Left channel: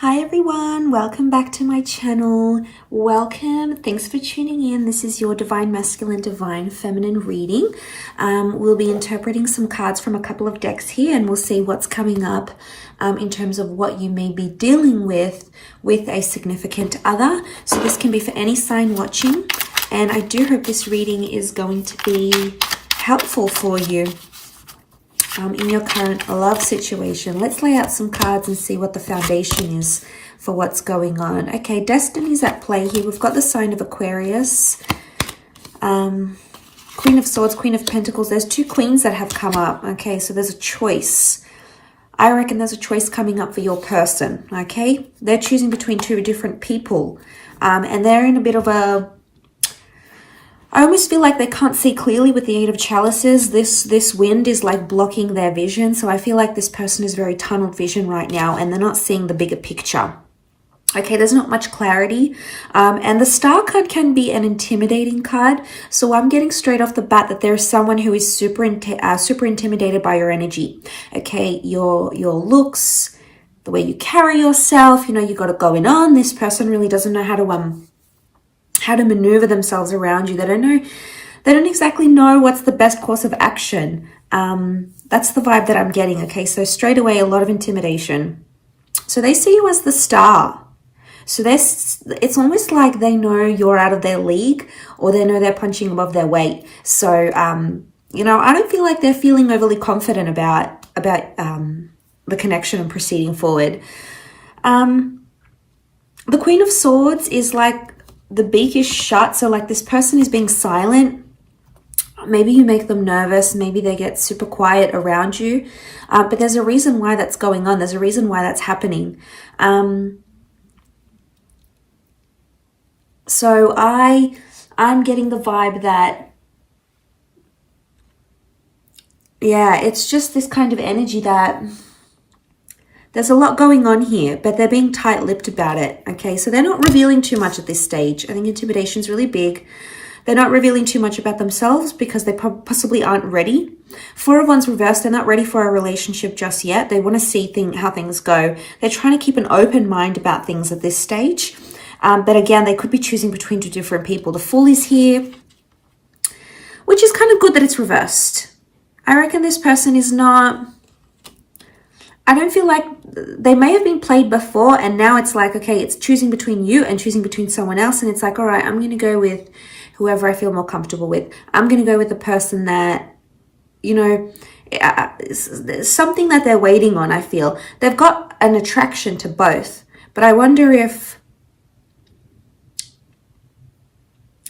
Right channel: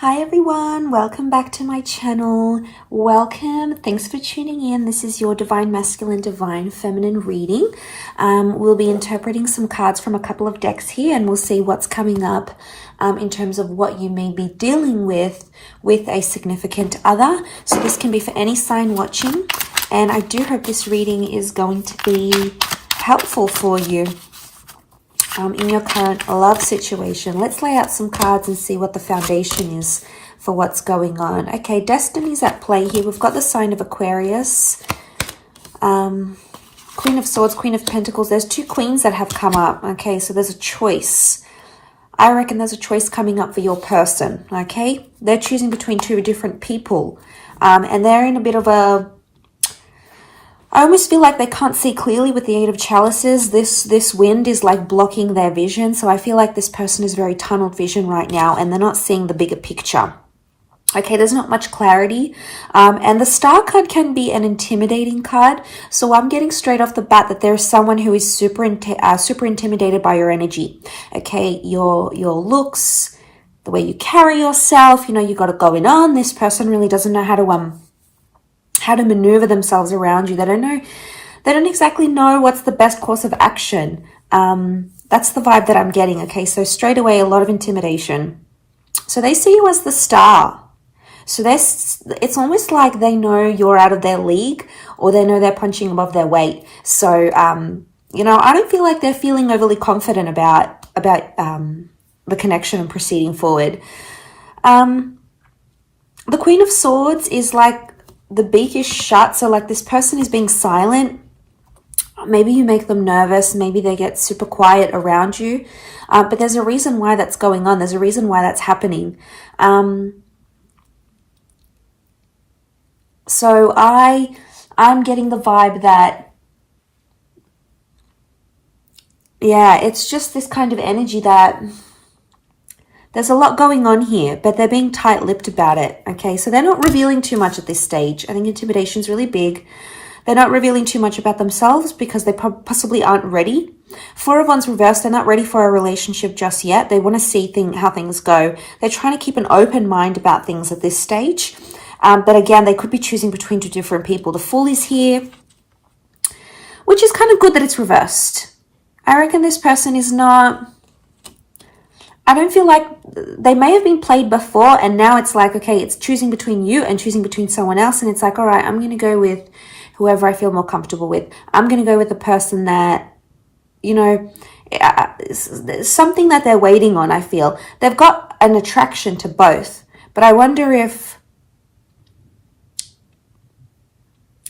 Hi everyone, welcome back to my channel. Welcome, thanks for tuning in. This is your Divine Masculine, Divine Feminine reading. We'll be interpreting some cards from a couple of decks here and we'll see what's coming up in terms of what you may be dealing with a significant other. So this can be for any sign watching, and I do hope this reading is going to be helpful for you in your current love situation. Let's lay out some cards and see what the foundation is for what's going on. Okay, destiny's at play here. We've got the sign of Aquarius, Queen of Swords, Queen of Pentacles. There's two queens that have come up. Okay, so there's a choice. I reckon there's a choice coming up for your person. Okay, they're choosing between two different people, and they're in a bit of a, I almost feel like they can't see clearly with the Eight of Chalices. This wind is like blocking their vision. So I feel like this person is very tunneled vision right now and they're not seeing the bigger picture. Okay, there's not much clarity. And the Star card can be an intimidating card. So I'm getting straight off the bat that there's someone who is super intimidated by your energy. Okay, your looks, the way you carry yourself, you know, you got it going on. This person really doesn't know how to maneuver themselves around you. They don't exactly know what's the best course of action. That's the vibe that I'm getting. Okay, so straight away, a lot of intimidation. So they see you as the star. So it's almost like they know you're out of their league, or they know they're punching above their weight. So, you know, I don't feel like they're feeling overly confident about the connection and proceeding forward. The Queen of Swords is like, the beak is shut, so like this person is being silent. Maybe you make them nervous, maybe they get super quiet around you, but there's a reason why that's going on. There's a reason why that's happening. So I'm getting the vibe that, yeah, it's just this kind of energy that there's a lot going on here, but they're being tight-lipped about it, okay? So they're not revealing too much at this stage. I think intimidation is really big. They're not revealing too much about themselves because they possibly aren't ready. Four of Wands reversed, they're not ready for a relationship just yet. They want to see how things go. They're trying to keep an open mind about things at this stage. But again, they could be choosing between two different people. The Fool is here, which is kind of good that it's reversed. I reckon this person is not... I don't feel like they may have been played before and now it's like, okay, it's choosing between you and choosing between someone else. And it's like, all right, I'm going to go with whoever I feel more comfortable with. I'm going to go with the person that, you know, something that they're waiting on, I feel. They've got an attraction to both. But I wonder if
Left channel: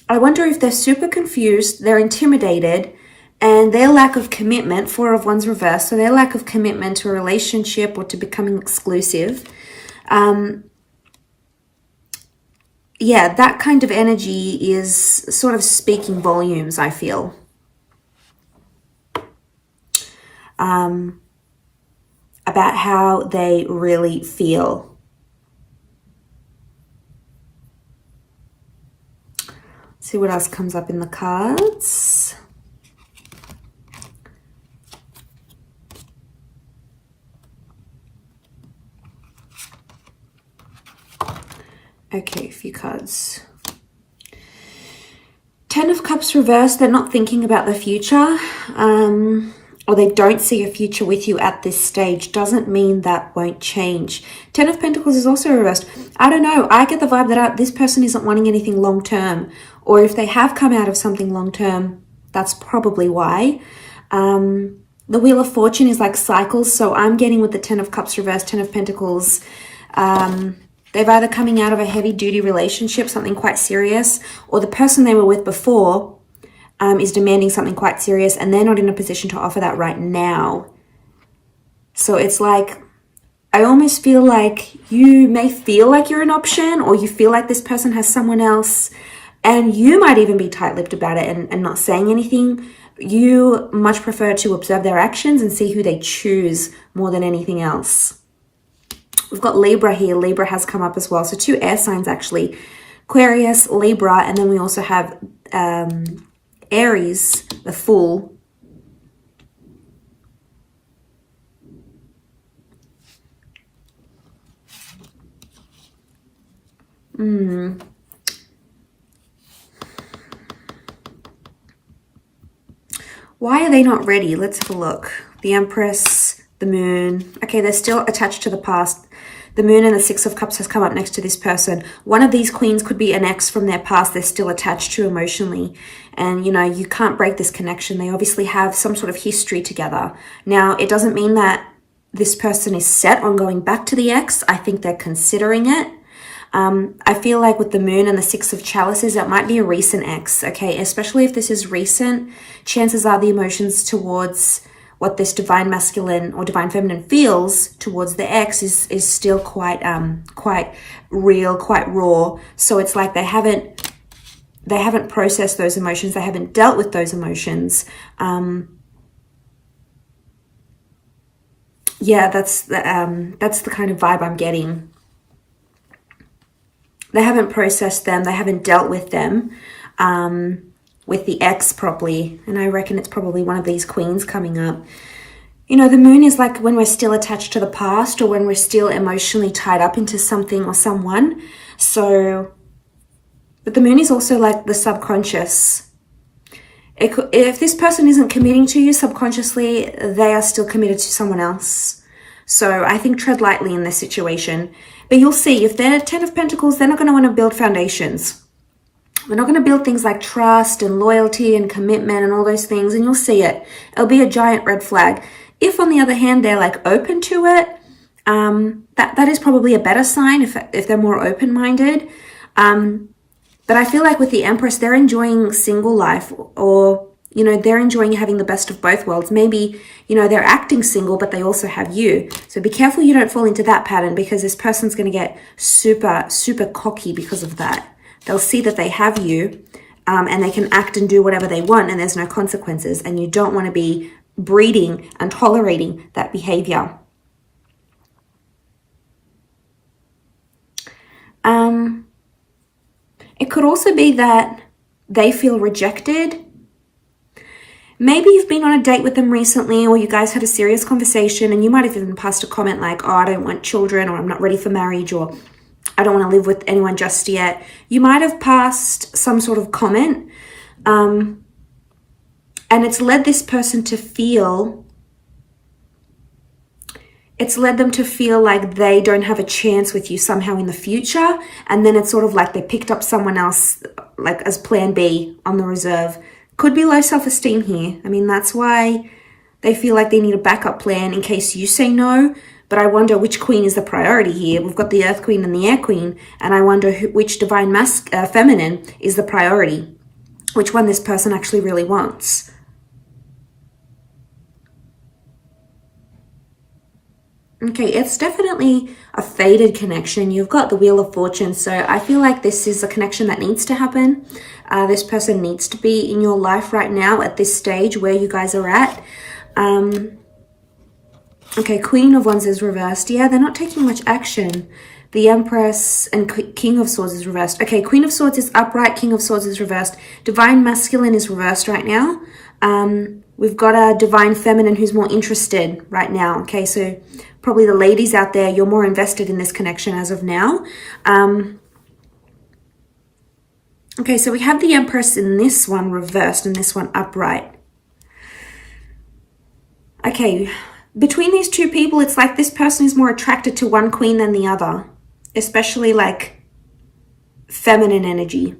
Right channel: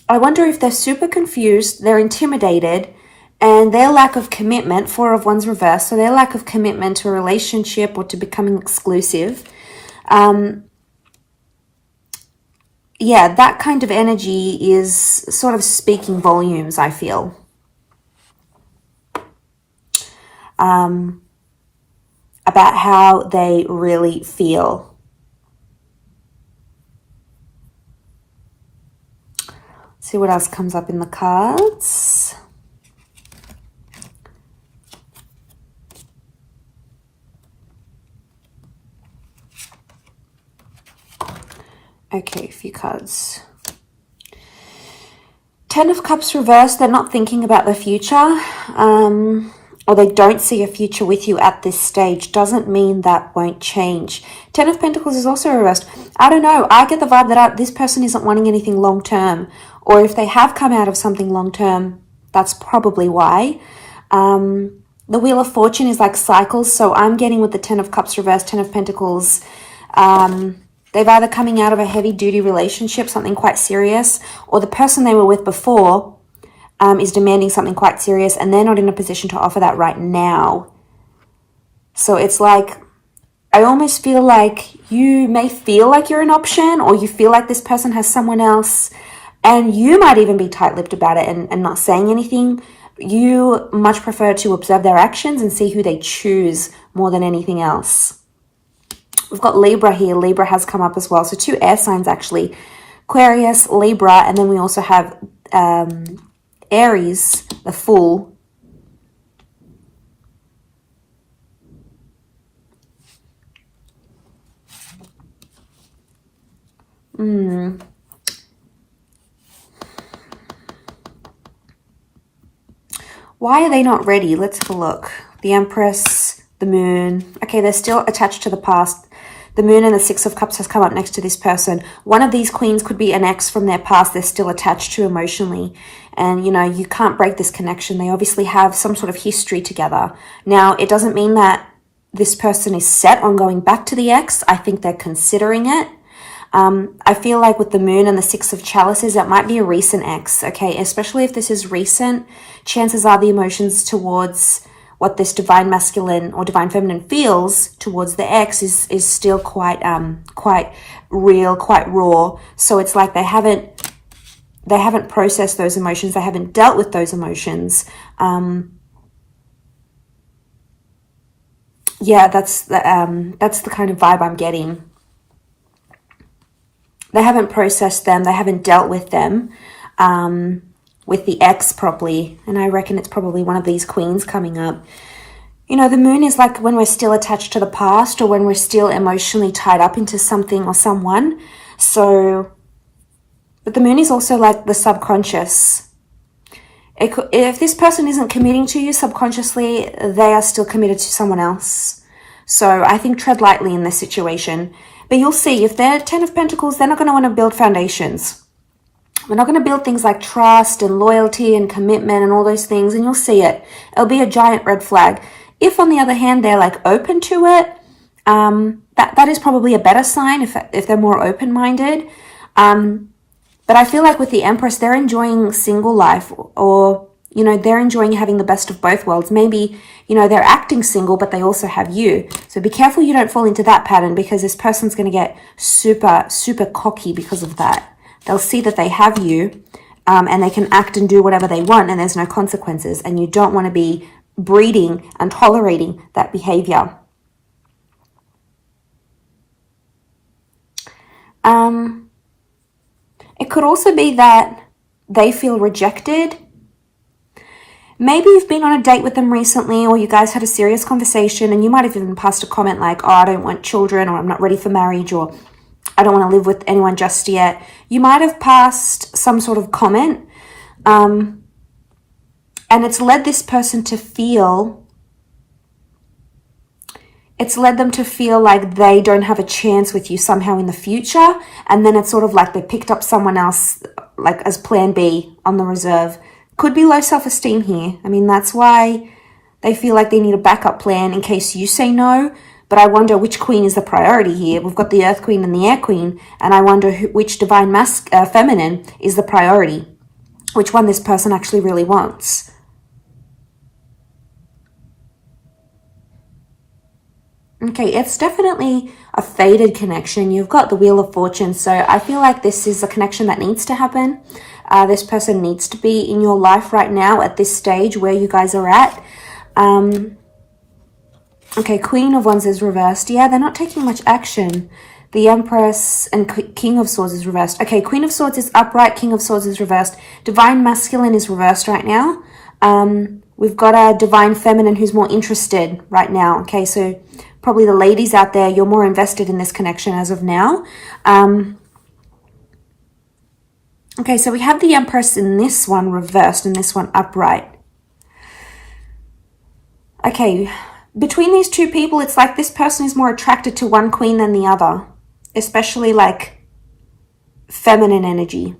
they're super confused, they're intimidated, and their lack of commitment, Four of Wands reversed, so their lack of commitment to a relationship or to becoming exclusive, yeah, that kind of energy is sort of speaking volumes, I feel, about how they really feel. Let's see what else comes up in the cards. Okay, a few cards. Ten of Cups reversed. They're not thinking about the future, or they don't see a future with you at this stage. Doesn't mean that won't change. Ten of Pentacles is also reversed. I don't know. I get the vibe that this person isn't wanting anything long-term, or if they have come out of something long-term, that's probably why. The Wheel of Fortune is like cycles, so I'm getting with the Ten of Cups reversed, Ten of Pentacles, they've either coming out of a heavy-duty relationship, something quite serious, or the person they were with before is demanding something quite serious, and they're not in a position to offer that right now. So it's like, I almost feel like you may feel like you're an option, or you feel like this person has someone else, and you might even be tight-lipped about it and not saying anything. You much prefer to observe their actions and see who they choose more than anything else. We've got Libra here. Libra has come up as well. So two air signs, actually. Aquarius, Libra, and then we also have Aries, the Fool. Why are they not ready? Let's have a look. The Empress, the Moon. Okay, they're still attached to the past. The Moon and the Six of Cups has come up next to this person. One of these queens could be an ex from their past they're still attached to emotionally. And, you know, you can't break this connection. They obviously have some sort of history together. Now, it doesn't mean that this person is set on going back to the ex. I think they're considering it. I feel like with the Moon and the Six of Chalices, that might be a recent ex, okay? Especially if this is recent, chances are the emotions towards what this divine masculine or divine feminine feels towards the ex is still quite real, quite raw. So it's like they haven't processed those emotions. They haven't dealt with those emotions. Yeah, that's the kind of vibe I'm getting. They haven't processed them. They haven't dealt with them with the ex properly. And I reckon it's probably one of these queens coming up. You know, the Moon is like when we're still attached to the past or when we're still emotionally tied up into something or someone. So, but the Moon is also like the subconscious. If this person isn't committing to you subconsciously, they are still committed to someone else. So I think tread lightly in this situation. But you'll see, if they're 10 of Pentacles, they're not going to want to build foundations. They're not going to build things like trust and loyalty and commitment and all those things. And you'll see it. It'll be a giant red flag. If, on the other hand, they're like open to it, that is probably a better sign if they're more open-minded. But I feel like with the Empress, they're enjoying single life, or, you know, they're enjoying having the best of both worlds. Maybe, you know, they're acting single, but they also have you. So be careful you don't fall into that pattern, because this person's going to get super, super cocky because of that. They'll see that they have you, and they can act and do whatever they want, and there's no consequences. And you don't want to be breeding and tolerating that behavior. It could also be that they feel rejected. Maybe you've been on a date with them recently, or you guys had a serious conversation, and you might have even passed a comment like, oh, I don't want children, or I'm not ready for marriage, or I don't want to live with anyone just yet. You might have passed some sort of comment, and it's led this person to feel, it's led them to feel like they don't have a chance with you somehow in the future. And then it's sort of like they picked up someone else, like as plan B on the reserve. Could be low self-esteem here. I mean, that's why they feel like they need a backup plan in case you say no. But I wonder which queen is the priority here. We've got the Earth Queen and the Air Queen. And I wonder which divine feminine is the priority. Which one this person actually really wants. Okay, it's definitely a faded connection. You've got the Wheel of Fortune. So I feel like this is a connection that needs to happen. This person needs to be in your life right now at this stage where you guys are at. Okay, Queen of Wands is reversed. Yeah, they're not taking much action. The Empress and King of Swords is reversed. Okay, Queen of Swords is upright. King of Swords is reversed. Divine Masculine is reversed right now. We've got a Divine Feminine who's more interested right now. Okay, so probably the ladies out there, you're more invested in this connection as of now. Okay, so we have the Empress in this one reversed and this one upright. Okay, between these two people, it's like this person is more attracted to one queen than the other, especially like feminine energy.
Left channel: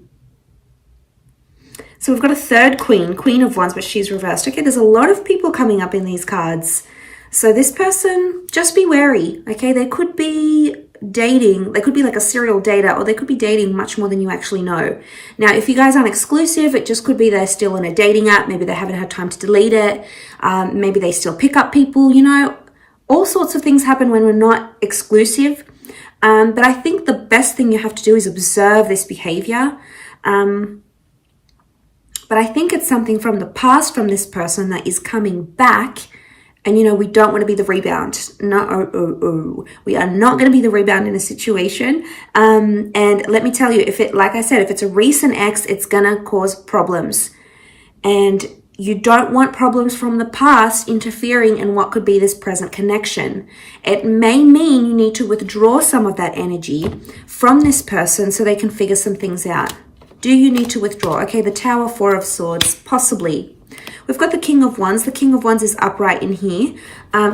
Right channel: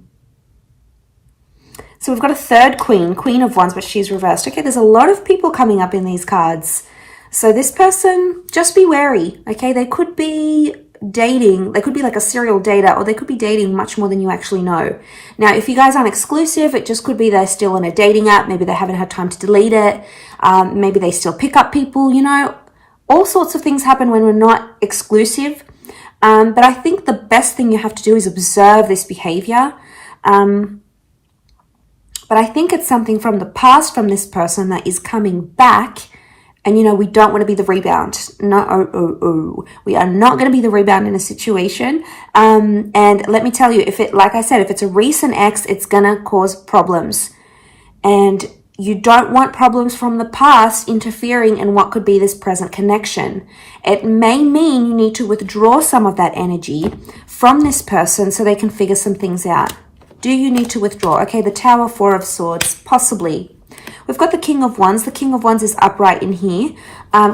So we've got a third queen, Queen of Wands, but she's reversed. Okay, there's a lot of people coming up in these cards. So this person, just be wary, okay? They could be dating, they could be like a serial dater, or they could be dating much more than you actually know. Now, if you guys aren't exclusive, it just could be they're still in a dating app. Maybe they haven't had time to delete it. Maybe they still pick up people, you know. All sorts of things happen when we're not exclusive. But I think the best thing you have to do is observe this behavior. But I think it's something from the past from this person that is coming back. And, you know, we don't want to be the rebound. No, we are not going to be the rebound in a situation. And let me tell you, if it, like I said, if it's a recent ex, it's going to cause problems. And you don't want problems from the past interfering in what could be this present connection. It may mean you need to withdraw some of that energy from this person so they can figure some things out. Do you need to withdraw? Okay, the Tower, Four of Swords, possibly. We've got the King of Wands. The King of Wands is upright in here.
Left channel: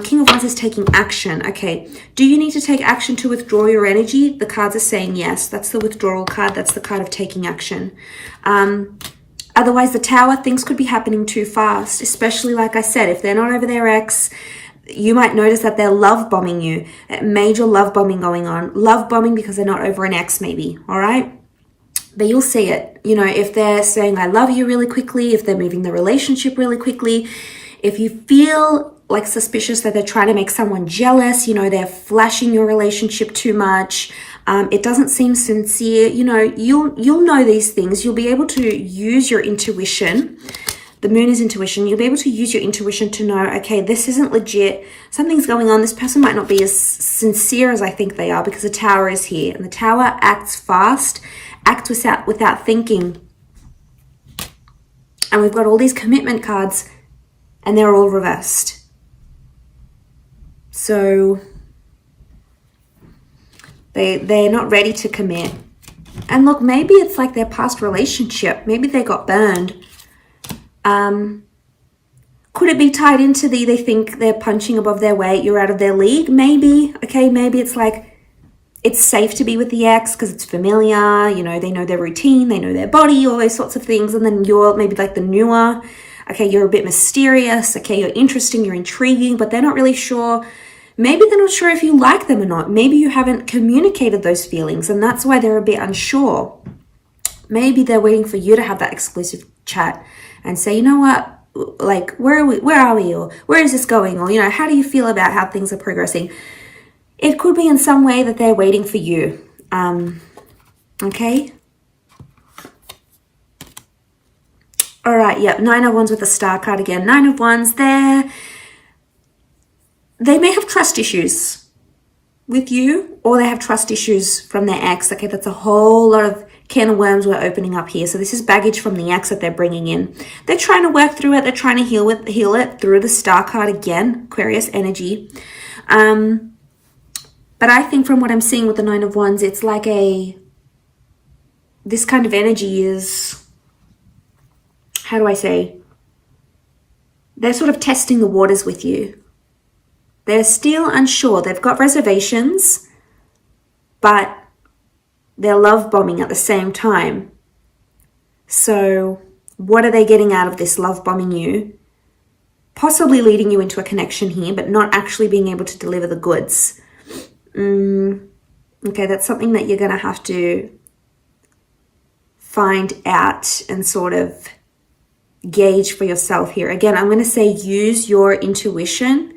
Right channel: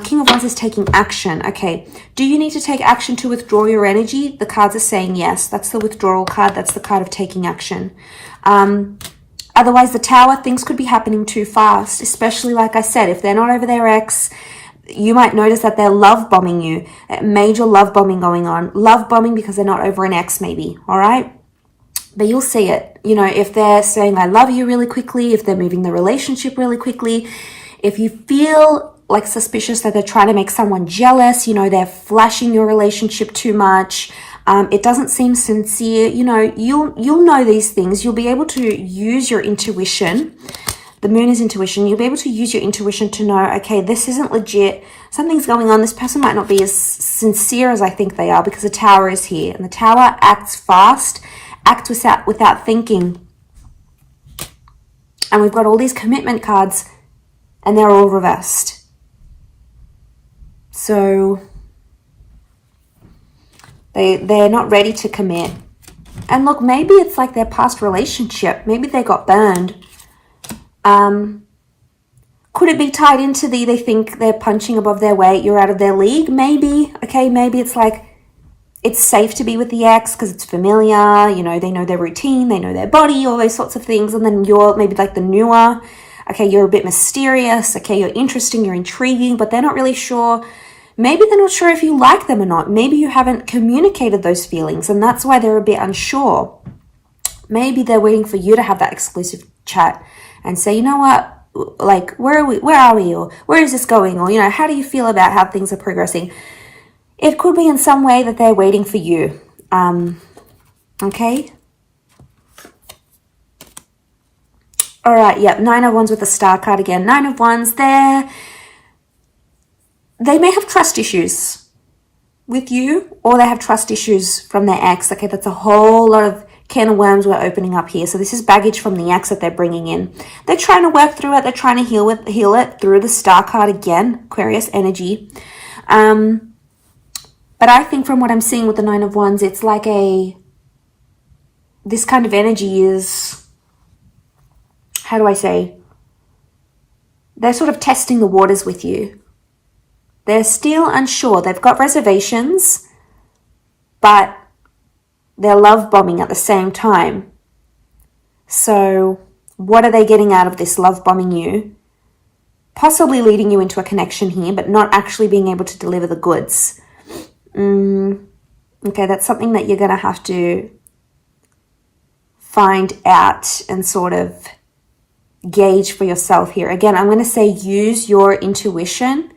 King of Wands is taking action. Okay, do you need to take action to withdraw your energy? The cards are saying yes. That's the withdrawal card. That's the card of taking action. Otherwise, the Tower, things could be happening too fast, especially, like I said, if they're not over their ex, you might notice that they're love bombing you. Major love bombing going on. Love bombing because they're not over an ex, maybe. All right? But you'll see it. You know, if they're saying, I love you really quickly, if they're moving the relationship really quickly, if you feel like suspicious that they're trying to make someone jealous, you know, they're flashing your relationship too much, it doesn't seem sincere, you know, you'll know these things. You'll be able to use your intuition. The moon is intuition. You'll be able to use your intuition to know, okay, this isn't legit. Something's going on. This person might not be as sincere as I think they are, because the Tower is here. And the Tower acts fast, acts without thinking. And we've got all these commitment cards, and they're all reversed. So they're not ready to commit. And look, maybe it's like their past relationship. Maybe they got burned. Could it be tied into they think they're punching above their weight, you're out of their league? Maybe. Okay, maybe it's like it's safe to be with the ex because it's familiar, you know, they know their routine, they know their body, all those sorts of things. And then you're maybe like the newer, okay, you're a bit mysterious, okay, you're interesting, you're intriguing, but they're not really sure. Maybe they're not sure if you like them or not. Maybe you haven't communicated those feelings, and that's why they're a bit unsure. Maybe they're waiting for you to have that exclusive chat and say, you know what, like, where are we, or where is this going, or, you know, how do you feel about how things are progressing? It could be in some way that they're waiting for you. Okay. All right. Yep. Nine of Wands with the Star card again. Nine of Wands. They may have trust issues with you, or they have trust issues from their ex. Okay. That's a whole lot of can of worms we're opening up here. So this is baggage from the ex that they're bringing in. They're trying to work through it. They're trying to heal it through the Star card again. Aquarius energy. But I think from what I'm seeing with the Nine of Wands, it's like this kind of energy is, how do I say? They're sort of testing the waters with you. They're still unsure. They've got reservations, but they're love bombing at the same time. So what are they getting out of this love bombing you? Possibly leading you into a connection here, but not actually being able to deliver the goods. Okay, that's something that you're going to have to find out and sort of gauge for yourself here. Again, I'm going to say use your intuition,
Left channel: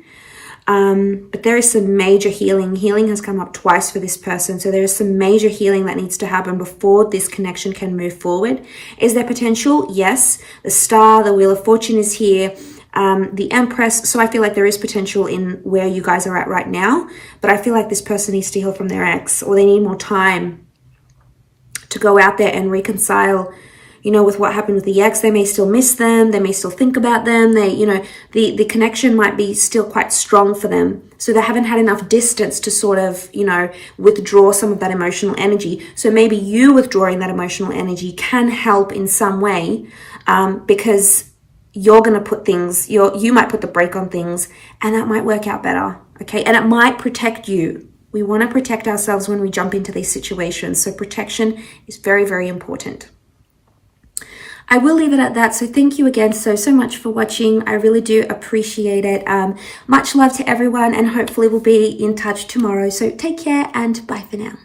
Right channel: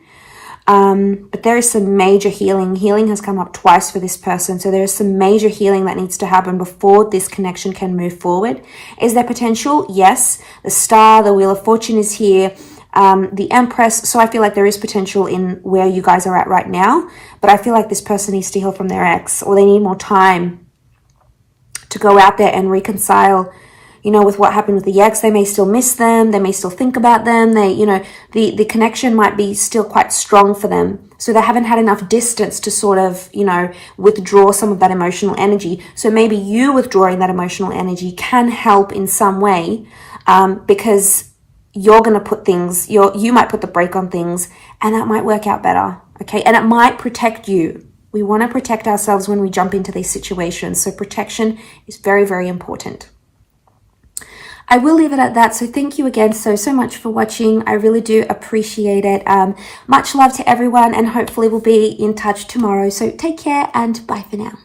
but there is some major healing. Healing has come up twice for this person, so there is some major healing that needs to happen before this connection can move forward. Is there potential? Yes. The Star, the Wheel of Fortune is here. The Empress. So I feel like there is potential in where you guys are at right now, but I feel like this person needs to heal from their ex, or they need more time to go out there and reconcile, you know, with what happened with the ex. They may still miss them. They may still think about them. They, you know, the connection might be still quite strong for them. So they haven't had enough distance to sort of, you know, withdraw some of that emotional energy. So maybe you withdrawing that emotional energy can help in some way, because you're going to put things, you might put the brake on things, and that might work out better, okay? And it might protect you. We want to protect ourselves when we jump into these situations. So protection is very, very important. I will leave it at that. So thank you again so much for watching. I really do appreciate it. Much love to everyone, and hopefully we'll be in touch tomorrow. So take care and bye for now.